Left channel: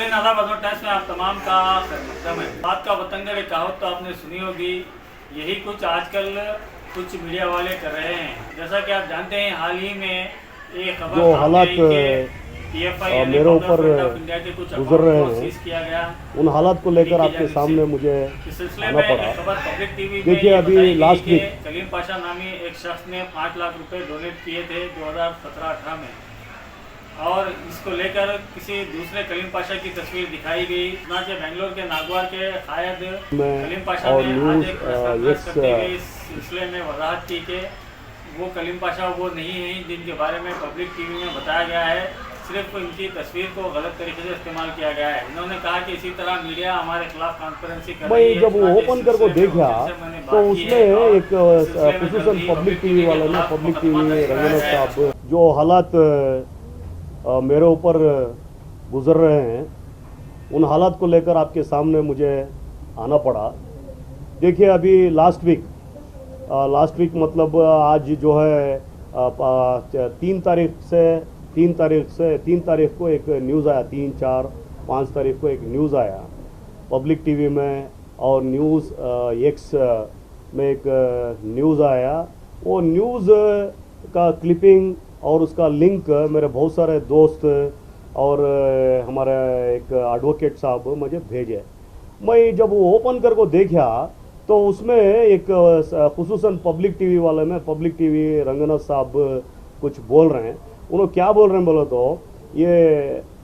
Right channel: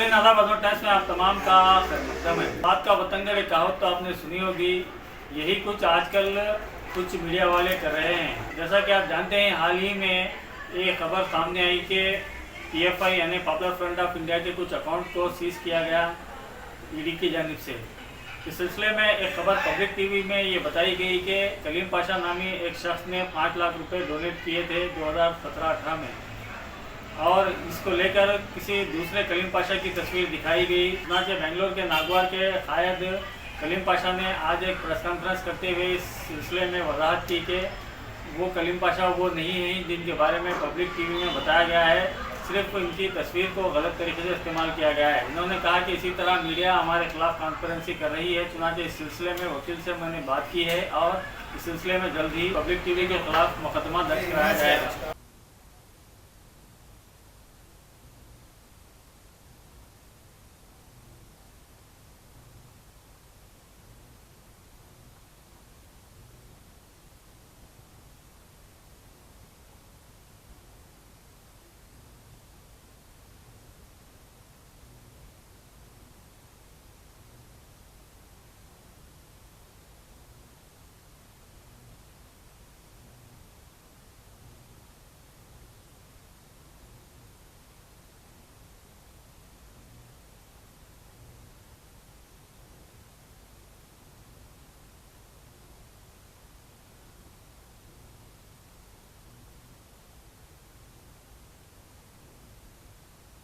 नाज़रीन आदाब अजमत टाइम्स में आप तमाम का खैर-मक़दम है। बात का वतन का कहावत तो आपने सुनी होगी, यही कुछ आजकल कुछ मीडिया वाले कर रहे हैं। जैसा कि आप जानते हैं, हाल ही में एक खबर सामने आई कि पीएफआई यानी पॉपुलर फ्रंट ऑफ इंडिया के कुछ अकाउंट को सीज किया गया। उन हालात को लेकर आपके सामने मुझे इस सिलसिले में एक खबर पब्लिक टीवी में ये बताई गई कि कलीम पाशा नामी एक शख्स ने 5 लाख रुपए डोनेट किए थे 2017-18 में, और इसको लेकर किसी दूसरे कलीम पाशा की तस्वीर दिखाई गई। बेंगलोर के नागवार के कायद कलीम पाशा ने आज एक प्रेस कॉन्फ्रेंस करते हुए इस सिलसिले में वजाहत की कि वो कलीम पाशा वो नहीं हैं जिनके बारे में पब्लिक टीवी में बताया गया है, सिर्फ इनकी तस्वीर को गलत तरीके से इस्तेमाल किया गया है। इन्होंने कहा कि इसी तरह मीडिया हमारे खिलाफ कॉन्फ्रेंसी कर रही है। जब वो ओपन करके देखा मैंने बात की है और इस सिलसिले में जल्द ही पब्लिक टीवी के खिलाफ मुकदमा दर्ज कराया जाएगा। जो हालात मेरे ऊपर गुजर रहे हैं, उन हालात को लेकर आपके सामने मुझे आना पड़ा। देखिए, अभी लास्ट वीक मतलब आज जो है 3 तारीख को एक न्यूज़ आया, 3, 4, 5 तारीख को एक न्यूज़ आया पब्लिक टीवी में, और न्यूज़ एक्स में एक न्यूज़ आया। वो न्यूज़ का क्लिपिंग और उसका लिंक मेरे बहुत सारे दोस्त और हमारे एक एडवोकेट साहब मुझे भेजे। मैं जब वो ओपन करके देखा तो उसमें एक खुसूसन पब्लिक टीवी वाले में पब्लिक टीवी रंगनाथ साहब कुछ बोल रहे हैं। उन्होंने क्या बोल रहे हैं बोलो तो, ये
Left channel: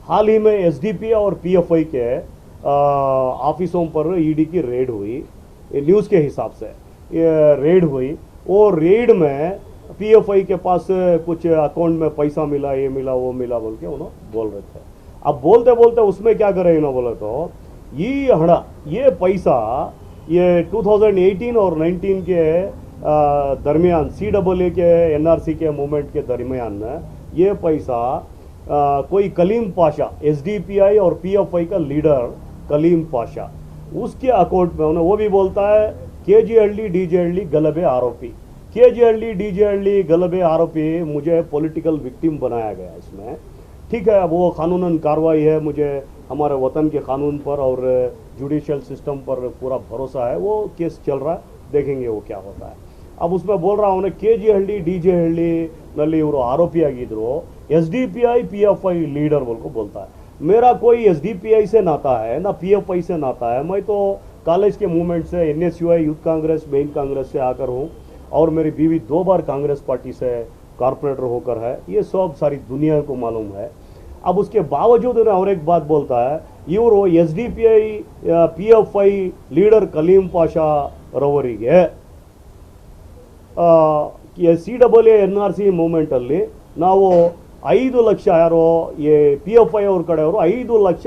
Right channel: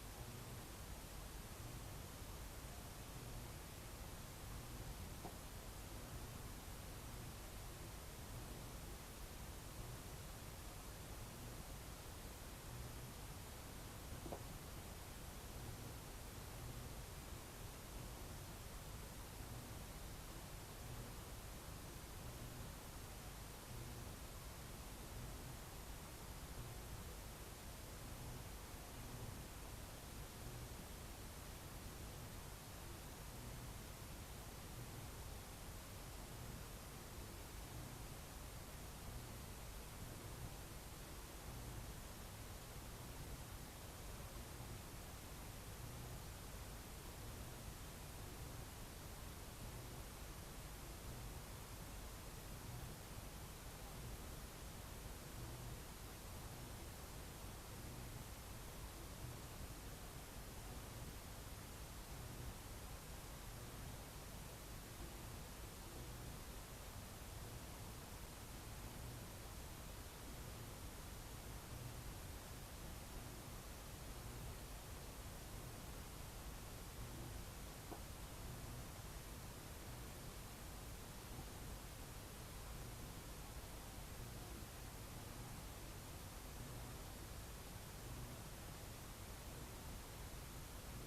हाल ही में एसडीपी और पीएफआई के ऑफिसों पर ईडी की रेड हुई, न्यूज़ के हिसाब से ये रेड हुई। वो रेड में पीएफआई के पास कुछ अकाउंट में पैसा मिला, ये मिला, वो मिला बोल के उन्होंने बोल रहे थे। अब बोलते बोलते उसमें क्या करे इन्होंने बोले तो, ये पैसा ये 2018 और 19 के दरमियान CAA के NRC के मूवमेंट के दरमियान में ये पैसा कोई कलीम पाशा, SDPI और PFI का लीडर कलीम पाशा, उसके अकाउंट में उन्हें, वो भी बोलता है KGLD DJLD गलबे आरोपी, KGLD DJLD गलबे आरोपी, मुझे पॉलिटिकल विक्टिम बनाया गया इसमें। ठीक है, वो कानूनन कार्रवाई है, मुझे हमारे वतन के कानून पर और जुडिशियल सिस्टम पर पूरा भरोसा है। वो केस चल रहा है, देखेंगे वो क्या होता है। अब उसमें बोल रहा हूँ KGLD DJLD ನಲ್ಲಿ ಇವರು ಆರೋಪಿಯಾಗಿದ್ರು, SDPI PFI लीडर बोल को बोलता है। मेरा कोई SDPI से नाता है ना PFI से नाता है। मैं तो कॉलेज के मूवमेंट से NSUI youth Congress, main Congress से आकर हूँ, और मेरी बीवी 2 बार कांग्रेस पार्टी से कॉर्पोरेटर होकर है। ये सब सारी दुनिया को मालूम है। अब उसके बावजूद उन्हें और एक बात बोलता है, इವರು SDPI PFI leader Kaleem Pasha ರವರಿಗೆ CAA NRC ಮೂವ್ಮೆಂಟ್ ಅಲ್ಲಿ ನಾವು 5 ಲಕ್ಷ, ಯಾರೋ PFI ಅವ್ರ ಕಡೆಯವರು 5 ಲಕ್ಷ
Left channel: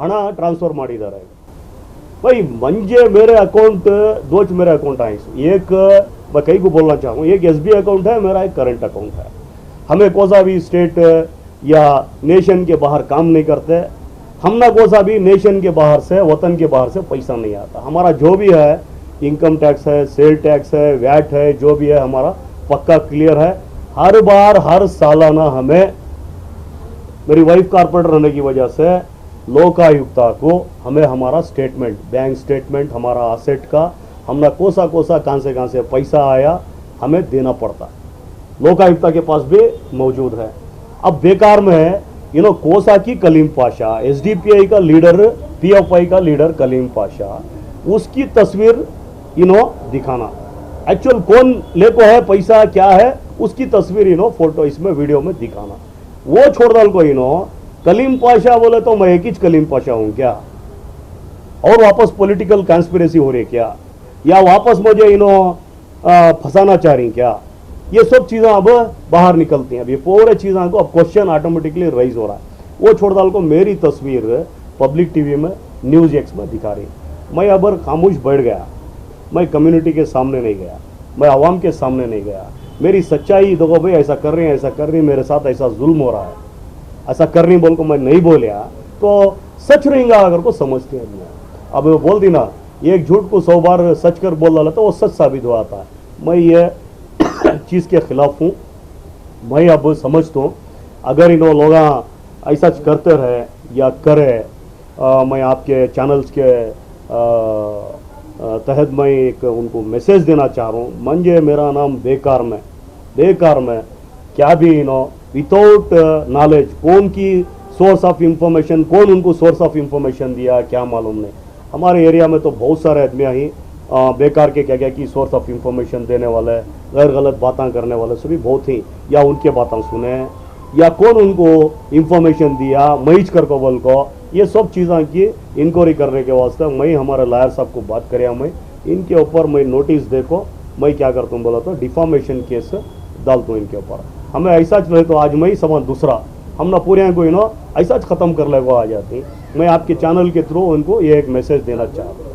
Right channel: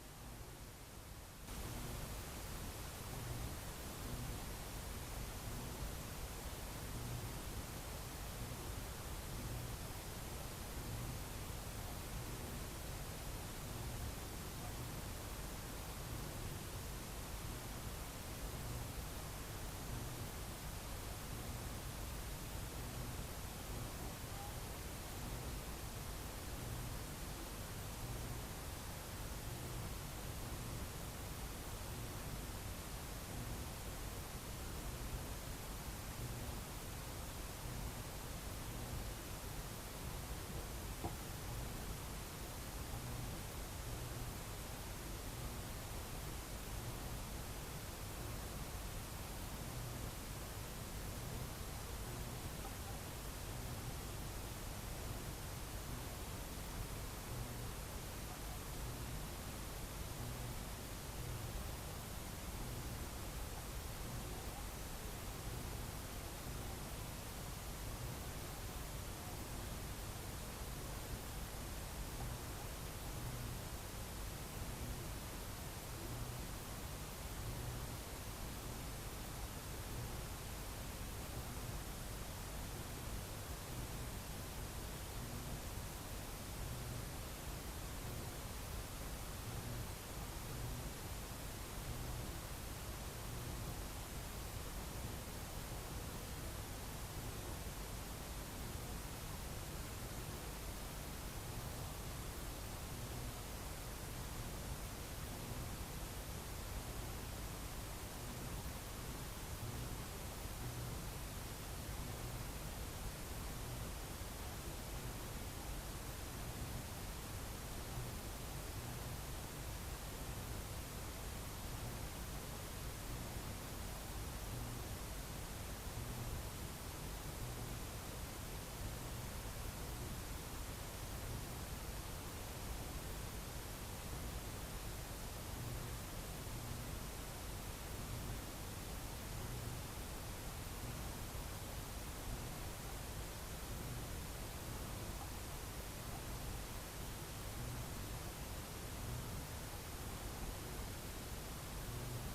ಹಣ ಟ್ರಾನ್ಸ್ಫರ್ ಮಾಡಿದ್ದಾರೆ। भाई मंजे मेरे अकाउंट, 2 मेरे अकाउंट हैं। एक मैं कई को बोलना चाहूँ, एक SBI अकाउंट है मेरा, एक करंट अकाउंट है। हमें कोसा भी स्टेट या नेशन के बाहर काम नहीं करते, हम ना कोसा भी नेशन के बाहर से, वतन के बाहर से पैसा नहीं आता। हमारा जो भी है, इनकम टैक्स है, सेल टैक्स है, वैट है, जो भी है हमारा पक्का क्लियर है। हर बार हर सालाना हमें, मेरी वाइफ कारपोरेटर रहने की वजह से लोकायुक्ता को हमें हमारा स्टेटमेंट, बैंक स्टेटमेंट हमारा असेट का, हमने कोसा कहाँ से पैसा आया हमें देना पड़ता, लोकायुक्ता के पास भी मौजूद है। अब बेकार में कोसा की कलीम पाशा, SDPI का लीडर, PFI का लीडर कलीम पाशा, उसकी तस्वीर दिखाना, एक्चुअल कौन लेको है पैसा क्या है, उसकी तस्वीर फोटो इसमें वीडियो में दिखाना। वो छोड़ डाल को कलीम पाशा बोले तो मैं एक ही कलीम पाशा हूं क्या, और वापस पॉलिटिकल कॉन्स्पिरेसी हो रही क्या, या वापस मुझे फंसाना चाह रही क्या, ये सब चीज़ें अब बाहर निकलती हैं। अब ये पूरे चीज़ों को अब क्वेश्चन ऑटोमेटिकली राइज हो रहा है। वो छोड़ डाल को मेरी तस्वीर पब्लिक टीवी में न्यूज़ एक्स में दिखा रही। मैं अब खामोश बैठ गया, मैं कम्युनिटी के सामने नहीं गया, मैं आवाम के सामने नहीं गया। मेरी सच्चाई देखो भाई, ऐसा कर रही है, ऐसा कर रही, मेरे साथ ऐसा जुल्म हो रहा है, ऐसा कर रही बोल को मैं नहीं बोलिया तो सच रहेगा अगर को समझती है। अब वो बोल दी ना, एक झूठ को 100 बार सच कर बोल डाला तो वो सच साबित हो आता है। मैं ये चीज़ के खिलाफ हूँ। मैं अब समझता हूँ अगर इन लोग ऐसा करते रहे या करे। मैं आपके चैनल्स के तहत मैं एक उनको मैसेज देना चाह रहा हूँ। मंजे मेरा नाम बेकार में क्या भी विदाउट नॉलेज कौन की सोर्स ऑफ इंफॉर्मेशन, कौन उनको सोर्स ऑफ इंफॉर्मेशन दिया क्या मालूम नहीं। हमारे एरिया में तो बहुत सारे आदमी ही बेकार के क्या क्या की सोर्स ऑफ इंफॉर्मेशन देने वाले, गैर गलत बातें करने वाले सभी बहुत ही, या उनके बातें सुने हैं या कौन उनको इंफॉर्मेशन दिया मईज कर कबल को, ये सब चीज़ें की इंक्वायरी करने के वास्ते मैं हमारे लॉयर साहब को बात करें। मैं इनके ऊपर मैं नोटिस देखो मैं क्या करता हूँ बोला तो डिफामेशन केस डालता हूँ इनके ऊपर। हमें ऐसा रहे तो आज मैं ही समान दूसरा हम ना पूरे को ऐसा ख़त्म कर ले वो आ जाती। मैं आपके चैनल के थ्रू उनको ये एक मैसेज देना चाह रहा हूँ।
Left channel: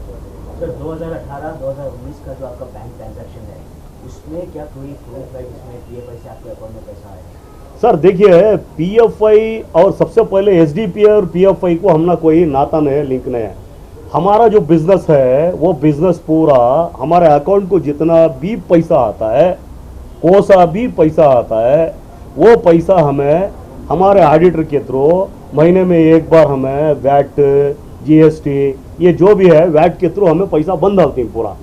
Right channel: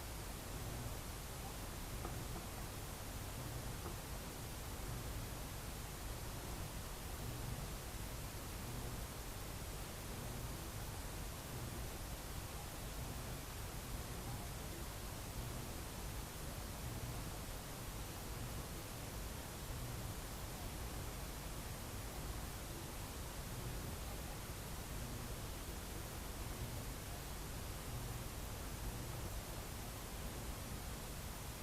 सर 2018-2019 का जो आपका बैंक ट्रांजैक्शन है उसमें क्या कोई प्रूफ है जिसमें पीएफआई से आपके अकाउंट में पैसा आया? सर देखिए, पीएफआई और सबसे पहले एसडीपी और पीएफआई को हमने कोई नाता नहीं है, लिंक नहीं है। हमारा जो बिजनेस है वो बिजनेस पूरा हमारे अकाउंट को जितना भी पैसा आता है, कोसा भी पैसा आता है, वो पैसा हमें हमारे ऑडिटर के थ्रू महीने में एक बार हमें वैट, जीएसटी, ये जो भी है वैट के थ्रू हमें पैसा बंद डालती है पूरा,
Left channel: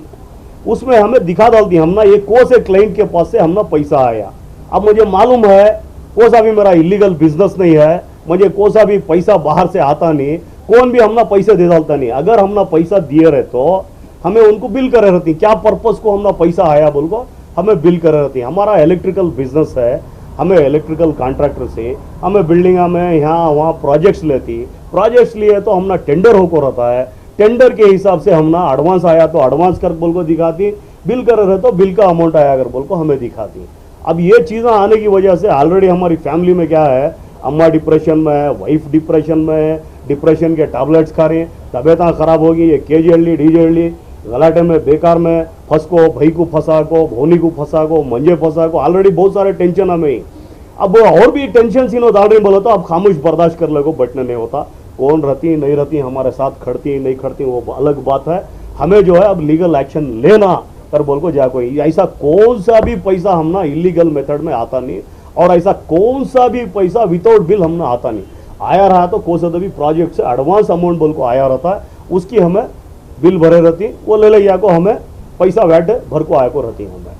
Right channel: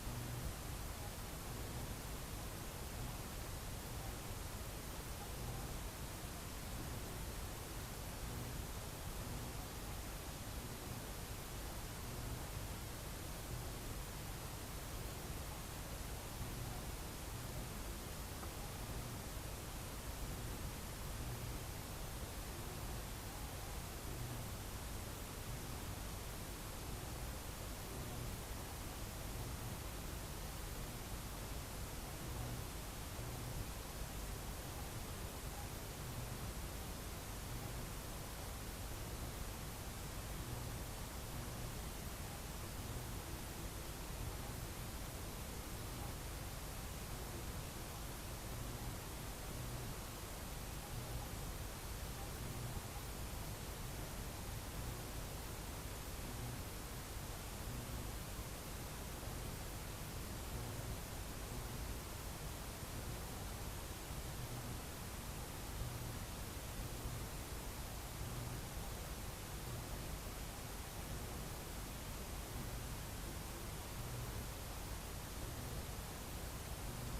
उसमें हमें दिखा डालती है हमना ये कौन से क्लाइंट के पास से हमना पैसा आया। अब मुझे मालूम है कौन सा भी मेरा इलीगल बिजनेस नहीं है, मुझे कौन सा भी पैसा बाहर से आता नहीं, कौन भी हमना पैसे दे डालता नहीं। अगर हमना पैसा दिए रहे तो हमें उनको बिल करे रहती, क्या पर्पज को हमना पैसा आया बोल को हमें बिल करे रहती। हमारा इलेक्ट्रिकल बिजनेस है, हमें इलेक्ट्रिकल कॉन्ट्रैक्टर से हमें बिल्डिंग में यहाँ वहाँ प्रोजेक्ट्स लेती, प्रोजेक्ट्स लिए तो हमना टेंडर होकर रहता है, टेंडर के हिसाब से हमना एडवांस आया तो एडवांस कर बोल को दिखाती, बिल कर रहे तो बिल का अमाउंट आया अगर बोल को हमें दिखाती। अब ये चीज़ें आने की वजह से ऑलरेडी हमारी फैमिली में क्या है, अम्मा डिप्रेशन में है, वाइफ डिप्रेशन में है, डिप्रेशन के टैबलेट्स खा रहे हैं, तबीयत खराब होगी, ये केजीएलडी डीजेएलडी गलाटे में बेकार में फंस को, भाई को फंसा को, भोनी को फंसा को, मंजे फंसा को, ऑलरेडी बहुत सारे टेंशन हमें। अब और भी टेंशन सीनो डाल रही बोला तो अब खामोश बर्दाश्त कर ले को बैठने नहीं होता। कौन रहती नहीं रहती हमारे साथ, खड़ती नहीं खड़ती वो अलग बात है। हमें जो है अब लीगल एक्शन लेना कर बोल को जा कोई ऐसा कौन सा भी पैसा हमना इलीगल मेथड में आता नहीं, और ऐसा कौन सा भी पैसा विदाउट बिल हमना आता नहीं। आया रहा तो कौन सा भी प्रोजेक्ट से एडवांस अमाउंट बोल को आया रहता है, उसकी हमें बिल भरे रहती, वो ले लिया को हमें पैसा वैट भर को आया को रहती हमें।